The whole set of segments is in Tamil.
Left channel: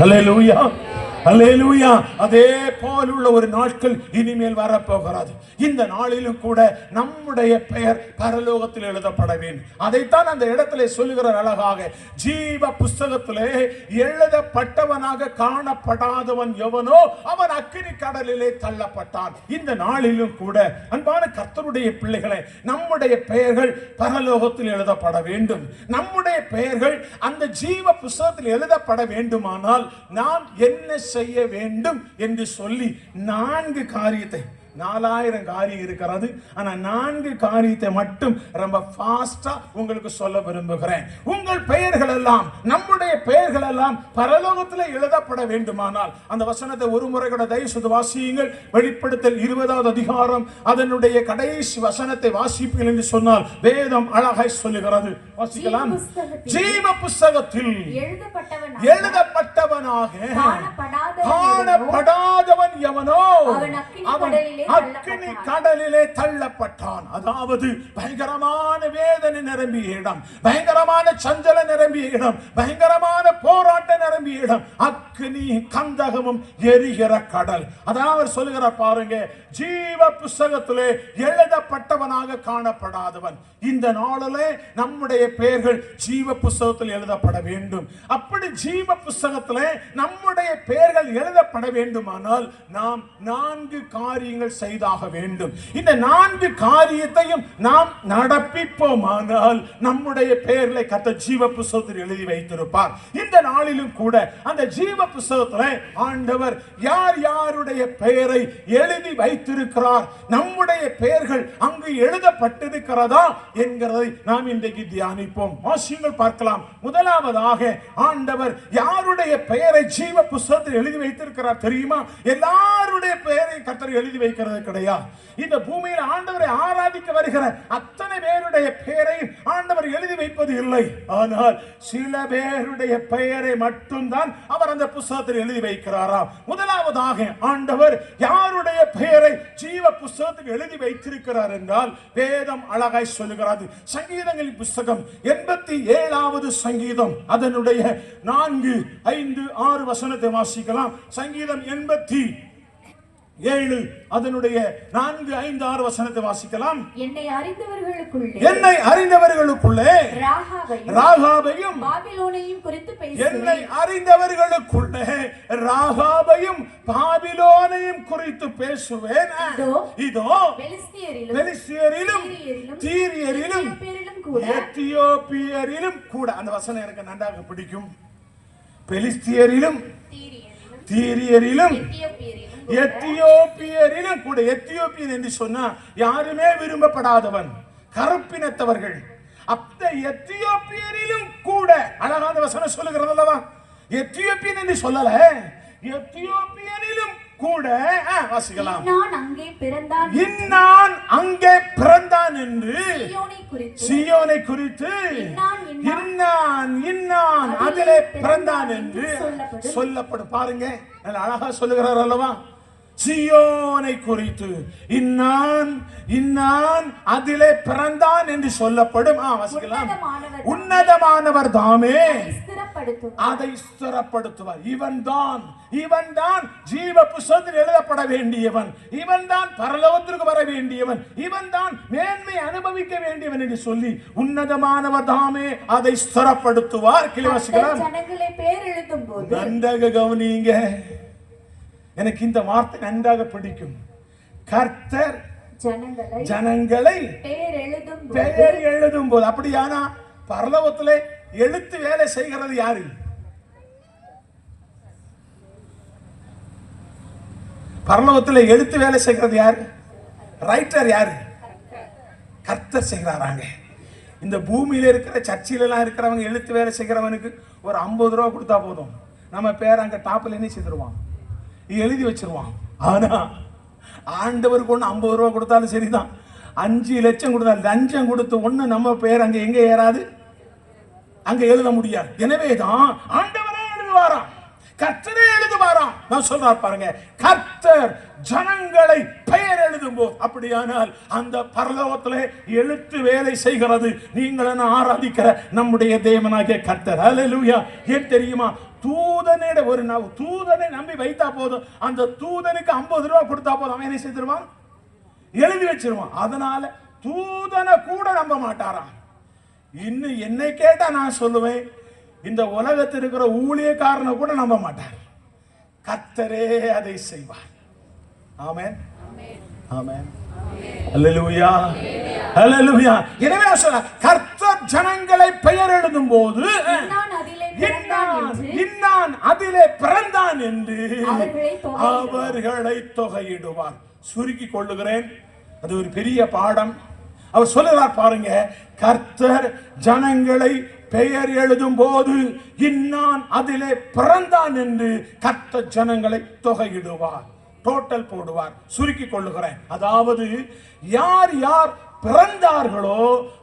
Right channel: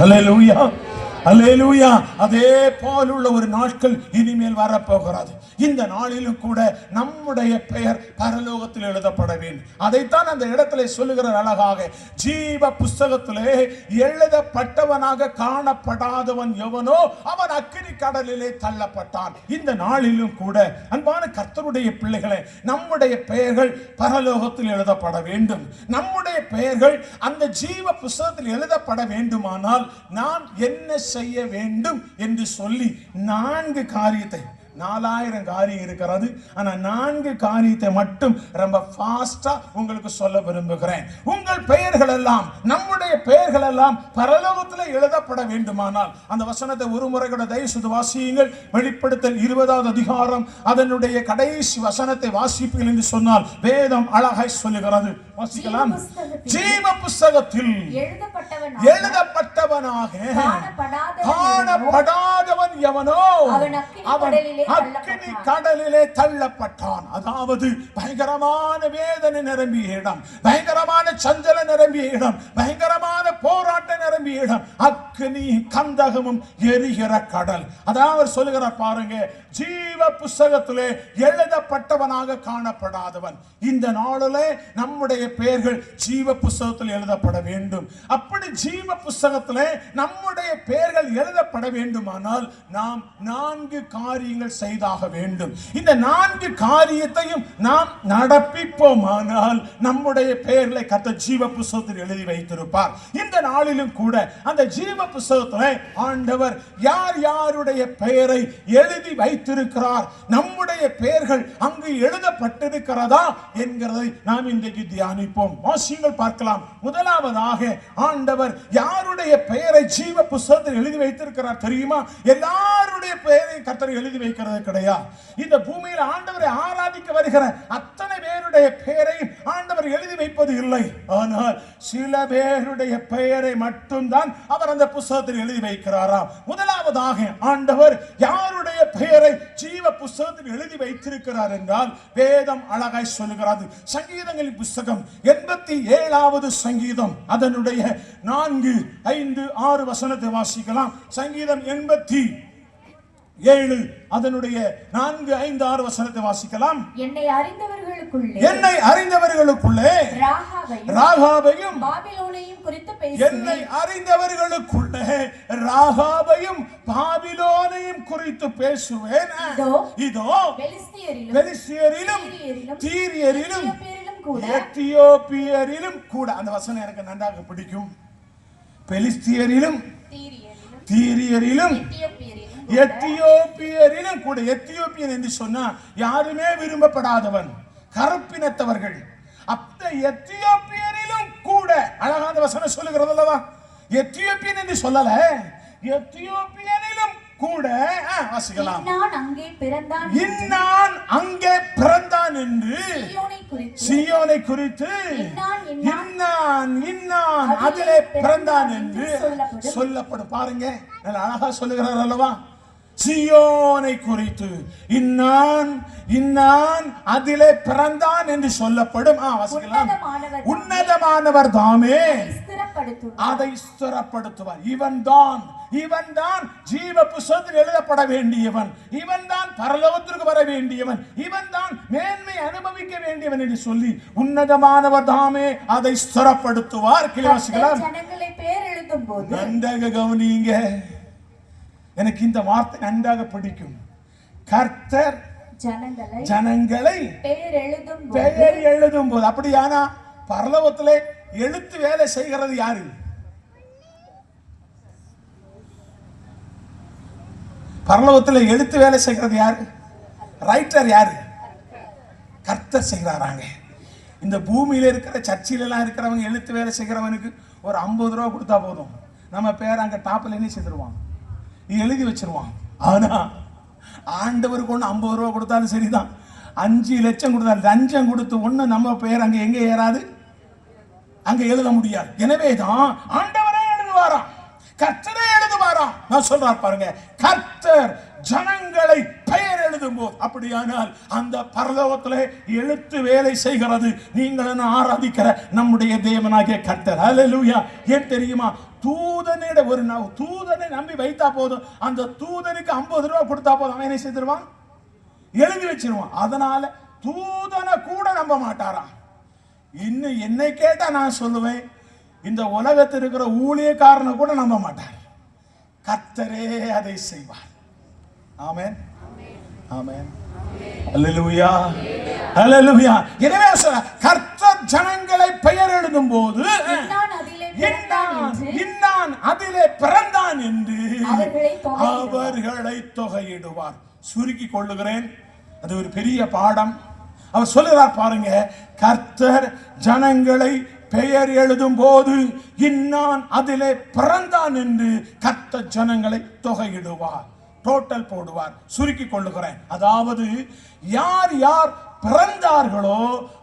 ஹல்லேலூயா, அல்லேலூயா. அதே போலுள்ள ஒரு நாட்கள் இனிமேல் வரப்போகிறது. இந்த நாளிலும் கூட நம்முடைய பெயர் பரலோகத்தில் எழுதப்பட வேண்டும். அதைத்தான் அந்த இடத்திலே சொல்லுகிற அழகாக, ஜீவ புஸ்தகத்திலே எழுதப்பட்டவனாக காணப்படாதவன் எவனோ அவன் அக்கினி கடலிலே தள்ளப்பட்டான். இந்த நாளிலும் கூட அன்பான கர்த்தருடைய பிள்ளைகளே, நம்முடைய பெயர்கள் பரலோகத்தில் எழுதப்பட வேண்டும். நம்முடைய பெயர்கள் அந்த ஜீவ புஸ்தகத்தில் எழுதப்பட வேண்டுமானால் நாம் என்ன செய்ய வேண்டும் என்று சொல்லி 4 காரியத்தை, 4000 காரியம் இருக்கிறது, ஆனா 4 காரியத்தை மட்டும் ரொம்ப ஃபாஸ்டா உங்களுக்கு சொல்ல விரும்புகிறேன். உங்கள் பெயர்கள் எல்லாம், நம்முடைய பெயர்கள் எல்லாம் பரலோகத்தில் எழுதப்பட வேண்டுமானால் அந்த வசனத்தை ஒரு முறை கூட தயவு செய்து வாசியுங்கள். வெளிப்படுத்தல் 20வது அதிகாரம் அதனுடைய கடைசி வசனத்தை வாசிப்பீர்கள் என்று சொன்னால் வேதம் அழகாய் சொல்லுகிறது. வாசிக்கலாம். ஜீவ புஸ்தகத்தில் எழுதப்பட்டவனாக காணப்படாதவன் எவனோ அக்கினி கடலிலே தள்ளப்பட்டான். அதாவது பயங்கரமான வேதனை நிரம்பிய இடம், பயங்கரமான சஞ்சல நிரம்பிய இடம், பயங்கரமான போராட்டம் நிரம்பிய இடம், அக்கினி கந்தகமும் எரிகிற கடல். அதாவது சொல்லுகிறார் பாருங்க, ஜீவ புஸ்தகத்திலே எழுதப்பட்டவனாக காணப்படாதவன். இந்த நாளிலே நம்முடைய பெயர்கள் ஜீவ புஸ்தகத்தில் எழுதப்பட வேண்டும். அப்படி ஜீவ புஸ்தகத்திலே நம்முடைய பெயர்கள் எழுதப்பட வேண்டுமானால் நாம் 4 காரியங்கள் செய்தாக வேண்டும். இந்த 4 காரியத்தையும் நாம் நடப்பிப்போமானால் நம்முடைய பெயர்களை கர்த்தர் ஜீவ புஸ்தகத்தில் எழுதி வைத்திருப்பார். இந்த நாளிலும் கூட அந்த ஜீவ புஸ்தகத்தில் ஆண்டவர் யார் யாருடைய பெயரை எழுதி வைத்திருக்கிறார், நம்முடைய பெயர்கள் அங்கு எழுதப்பட்டிருக்கிறதா என்கிறதை நாம் இன்றைக்கு தியானிப்போம். வாசியங்கள் பார்க்கலாம். முதலாவதாக ஆண்டவர் யாருடைய பெயரை ஜீவ புஸ்தகத்தில் எழுதி வைத்திருக்கிறார் தெரியுமா? எல்லாருடைய பெயரை கர்த்தர் எழுதி வைக்கிறது கிடையாது. இந்த பூமியில் ஆண்டவரை ஆராதிக்க வருகிற அத்தனை பேருடைய பெயரை ஆண்டவர் எழுதி வைப்பது இல்லை. ஆனால் சில பேருடைய பெயரை மட்டும்தான் அவர் அந்த புஸ்தகத்தில் எழுதி வைக்கிறாராம். முதலாவதாக ஆண்டவர் யாருடைய பெயரை ஜீவ புஸ்தகத்தில் எழுதி வைத்திருக்கிறார் என்றால் வேதம் அழகாய் சொல்லுகிறது. சங்கீதங்களின் புஸ்தகம் 87வது சங்கீதம் அதனுடைய 4, 5, 6 வசனத்தை வாசிக்கலாம். சங்கீதம் 87 அதனுடைய 4, 5, 6 வசனத்தை வாசிக்கலாம். என்னை அறிந்தவர்களுக்குள்ளே ராகாபையும் பாபிலோனையும் குறித்து பேசுவேன். என்னை அறிந்தவர்களுக்குள்ளே ராகாபையும் பாபிலோனையும் குறித்து பேசுவேன். இதோ பெலிஸ்தியரிலும் தீரியரிலும் எத்தியோப்பியரிலும் கூட. அந்த வசனம் எனக்கு நன்றாக பிடிக்கும். பெலிஸ்தியரிலும் தீரியரிலும் எத்தியோப்பியரிலும் கூட. எத்தியோப்பியர் என்று சொன்னா யாருமே விரும்பப்படாதவன், கருப்பினத்தவர்கள். அந்த எத்தியோப்பியரிலும் கூட அழகான வசனம் சொல்லுகிறது அல்லவா? எத்தியோப்பியன் என்று சொல்லல, எத்தியோப்பியரிலும் கூட வாசிக்கலாம். இன்னான் அங்கே பிறந்தான் என்று சீயோனை குறித்து இன்னான் அதிலே பிறந்தான் என்று சொல்லப்படும். பாருங்க, அழகா சொல்லுகிறார் அல்லவா? சீயோனை குறித்து இன்னான் அதிலே பிறந்தான் என்று சொல்லப்படும். உன்னதமானவர் தாமே அதை ஸ்திரப்படுத்துவார். இவன் தான் ஜீவ புஸ்தகத்தில் எழுதப்பட வேண்டியவன், இவன் தான் பரலோகத்திற்கு வர வேண்டியவன், இவன் தான் மேன்மை அனுபவிக்க வேண்டியவன் என்று சொல்லி உன்னதமானவர் தாமே அதை ஸ்திரப்படுத்துவார். கிளிவாசிக்கலாம். நன்றாக கவனிங்க, எனக்கு இந்த வார்த்தை நன்றாக பிடிக்கும். கர்த்தர் ஜனங்களை பெயர் எழுதும் போது, அப்படியானா பரலோகத்திலே எழுத்து வேலை செய்கிறது யாரு? பரலோகத்தில் எழுத்து வேலை செய்கிறது யாரு? ரைட்டர் யாரு? கர்த்தர் செய்கிறாராங்க. இந்த பூமியில இருக்கிற சர்ச்சில எல்லாம் இருக்கிறவங்க எழுத்து வேலை செய்கிறவனுக்கு ஒரு 50 ரூபா கொடுத்தா போதும், நம்ம பேர் அங்க டாப்ல என்ன செய்திருவான், எழுதி வச்சிருவான். ஆனா ஆண்டவருக்கு ஒண்ணு 50 ரூபா கொடுத்தாலும் சரிதான், 5 லட்சம் கொடுத்தாலும் லஞ்சம் கொடுத்து ஒண்ணு நம்ம பேர் அங்க எங்க ஏறாது, அங்க எழுத முடியாது. எனவேதான் ஆண்டவரே எழுதுவாராம், கர்த்தரே எழுதுவாராம். நான் சொல்றார் பாருங்க, கர்த்தர் ஜனங்களை பெயர் எழுதும் போது, அப்படியானால் அந்த பரலோகத்திலே எழுத்து வேலை செய்கிறது. நீங்கள் ஆராதிக்கிற நம்முடைய தேவனாகிய கர்த்தர். ஹல்லேலூயா. ஏன் தெரியுமா? தூதனிட ஒரு தூதனை நம்பி வைத்தா போதும், அந்த தூதனுக்கு 50 ரூபாய் கொடுத்தா போதும், அவன் என்ன செய்திருவான்? எழுதி வச்சிருவான். அதனால தூதனை கூட நம்ப மாட்டாராம். இன்னும் என்னை கேட்டா நான் சொல்லுவேன், இந்த உலகத்தில் இருக்கிற ஊழியக்காரனை கூட நம்ப மாட்டார். கர்த்தரே அதை செய்வார். ஆமென், ஆமென், அல்லேலூயா, அல்லேலூயா. எனவே கர்த்தர் ஜனங்களை பெயர் எழுதும் போது இன்னான் அதிலே பிறந்தான் என்று அவர்களை தொகையிடுவார். சுருக்கி கொள்ளுகிறேன், அது ஒரு பெரிய பாடம். அவர் சொல்லுறார் பாருங்க, கர்த்தர் ஜனங்களை பெயர் எழுதும் போது இன்னான் அதிலே பிறந்தான் என்று கர்த்தர் ஜனங்களை தொகையிடுவார், டோட்டல் போடுவார். சுருக்கி கொள்ளுகிறேன், அதாவது யார் யார் பிறந்தார்களோ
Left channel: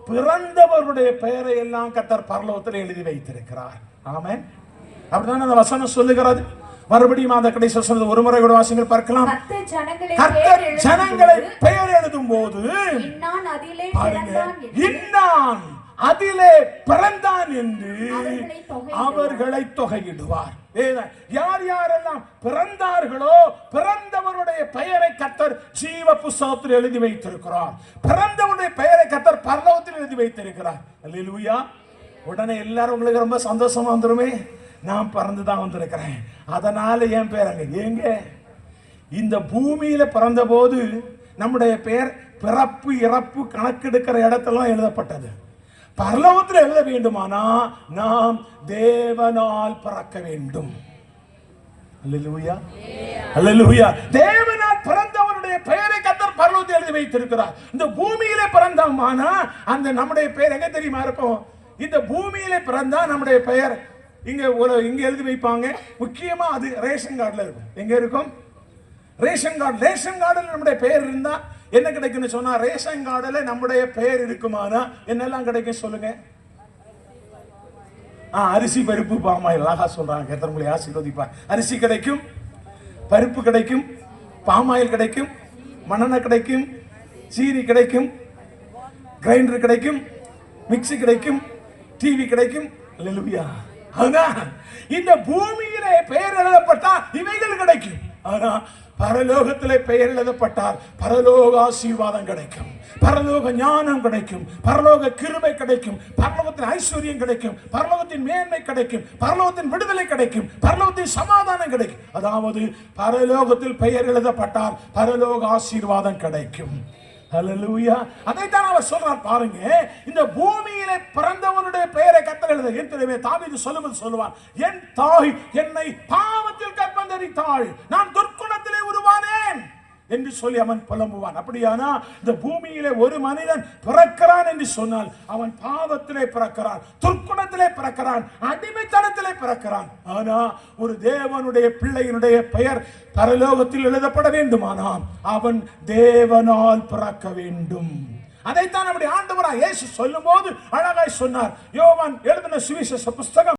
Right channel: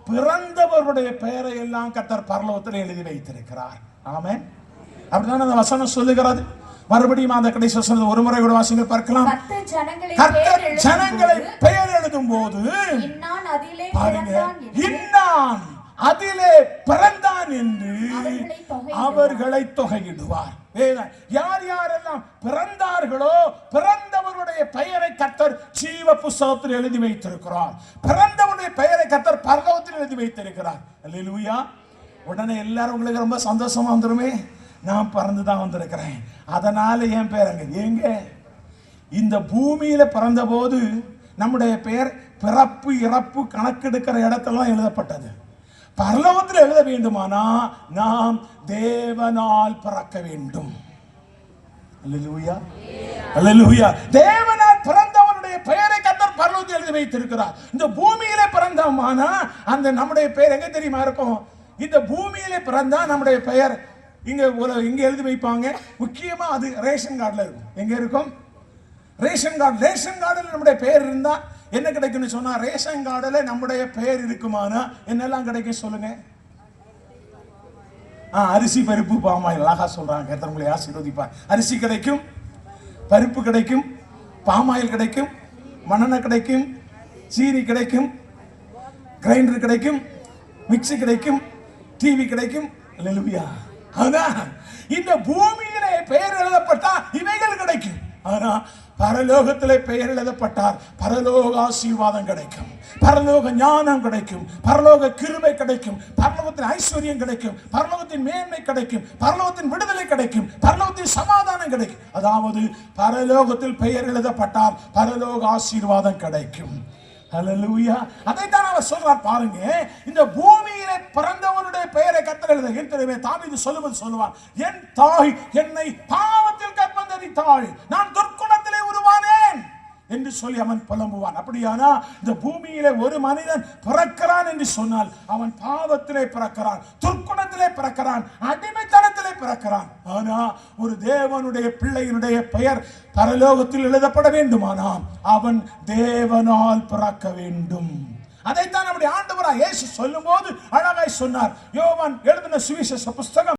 பிறந்தவருடைய பெயரை எல்லாம் கர்த்தர் பரலோகத்தில் எழுதி வைத்திருக்கிறார். ஆமென். அப்படிதான் அந்த வசனம் சொல்லுகிறது. மறுபடியும் அந்த கடைசி வசனத்தை ஒரு முறை கூட வாசிங்கள் பார்க்கலாம். கர்த்தர் ஜனங்களை பெயர் எழுதும் போது இன்னான் அதிலே பிறந்தான் என்று அவர்களை தொகையிடுவார். யார் யாரெல்லாம் பிறந்தார்களோ பிறந்தவருடைய பெயரை கர்த்தர் ஜீவ புஸ்தகத்தில் எழுதி வைத்திருக்கிறார். பிறந்தவருடைய பெயரை கர்த்தர் பரலோகத்தில் எழுதி வைத்திருக்கிறார். அல்லேலூயா. உடனே எல்லாரும் உங்களுக்கு ரொம்ப சந்தோஷமா வந்துருமே, நான் பிறந்துதான் வந்திருக்கிறேன், அதனால என் பேர் அங்க. ஏங்க, இந்த பூமியில பிறந்த போது நம்முடைய பெயர் பிறப்பு இறப்பு கணக்கெடுக்கிற இடத்தெல்லாம் எழுதப்பட்டது. பரலோகத்தில் எழுத வேண்டுமானா நாம் தேவனால் பிறக்க வேண்டும். அல்லேலூயா, அல்லேலூயா. தேவனால் பிறந்தவருடைய பெயரை கர்த்தர் பரலோகத்தில் எழுதி வைத்திருக்கிறார். இந்த பூமியில பிறந்தோமானா அந்த நம்முடைய பெயர் எங்க தெரியுமா இருக்கும்? இந்த பூமியில பிறந்தா நம்முடைய பெயர் இங்க எழுதி வைப்பாங்க. முக்கியமா அது ரேஷன் கார்டுல இருக்கும். எங்க இருக்கும்? Ration card. ரேஷன் கார்டுல நம்முடைய பெயர் இருந்தா என்ன கிடைக்கும்னு சொன்னா, ரேஷன் கார்டுல நம்முடைய பெயர் இருக்குமானா என்னெல்லாம் கிடைக்கும் சொல்லுங்க? அரிசி, பருப்பு, பாமாயில். அழகா சொல்றாங்க, கர்த்தர் ஆசீர்வதிப்பார். அரிசி கிடைக்கும், பருப்பு கிடைக்கும், பாமாயில் கிடைக்கும், மண்ணெண்ணெய் கிடைக்கும், சீனி கிடைக்கும், கிரைண்டர் கிடைக்கும், மிக்ஸி கிடைக்கும், டிவி கிடைக்கும். அல்லேலூயா. ஆனா இந்த பூமியிலே பெயர் எழுதப்பட்டா இவைகள் கிடைக்கும். ஆனா பரலோகத்திலே பெயர் எழுதப்பட்டால் பரலோக ஆசீர்வாதம் கிடைக்கும், பரலோக ஞானம் கிடைக்கும், பரலோக கிருபை கிடைக்கும், பரலோகத்தின் ஐஸ்வர்யம் கிடைக்கும், பரலோகத்தின் மேன்மை கிடைக்கும், பரலோகத்தின் விடுதலை கிடைக்கும், பரலோகத்தின் சமாதானம் கிடைக்கும். அதாவது பரலோகத்தில் பெயர் எழுதப்பட்டால் பரலோக ஆசீர்வாதம் கிடைக்கும். ஹல்லேலூயா. அதைத்தான் அவர் சொல்றார் பாருங்க. இந்த பூமியிலே பிறந்தவனுடைய பெயரை கர்த்தர் எழுத. ஏற்கனவே தாவீது சொல்லுவது சொல்லுவான், என் தாய் என்னை பாவத்தில் கற்பந்தரித்தாள், நான் துர்க்குணத்திலே உருவானேன் என்று சொல்லி அவன் புலம்புவான். அப்படியானா இந்த பூமியிலே ஒரு மனிதன் பிறக்கிறான் என்று சொன்னால் அவன் பாவத்திலே பிறக்கிறான், துர்க்குணத்திலே பிறக்கிறான், அடிமைத்தனத்திலே பிறக்கிறான். ஆனா ஒரு தேவனுடைய பிள்ளையினுடைய பெயர் பரலோகத்தில் எழுதப்பட வேண்டுமானால் அவன் தேவனால் பிறக்க வேண்டும். அதைத்தான் நம்முடைய ஆண்டவராகிய இயேசு சொல்லும்போது அழகாய் சொன்னார். யோவான் எழுதின சுவிசேஷ புஸ்தகம்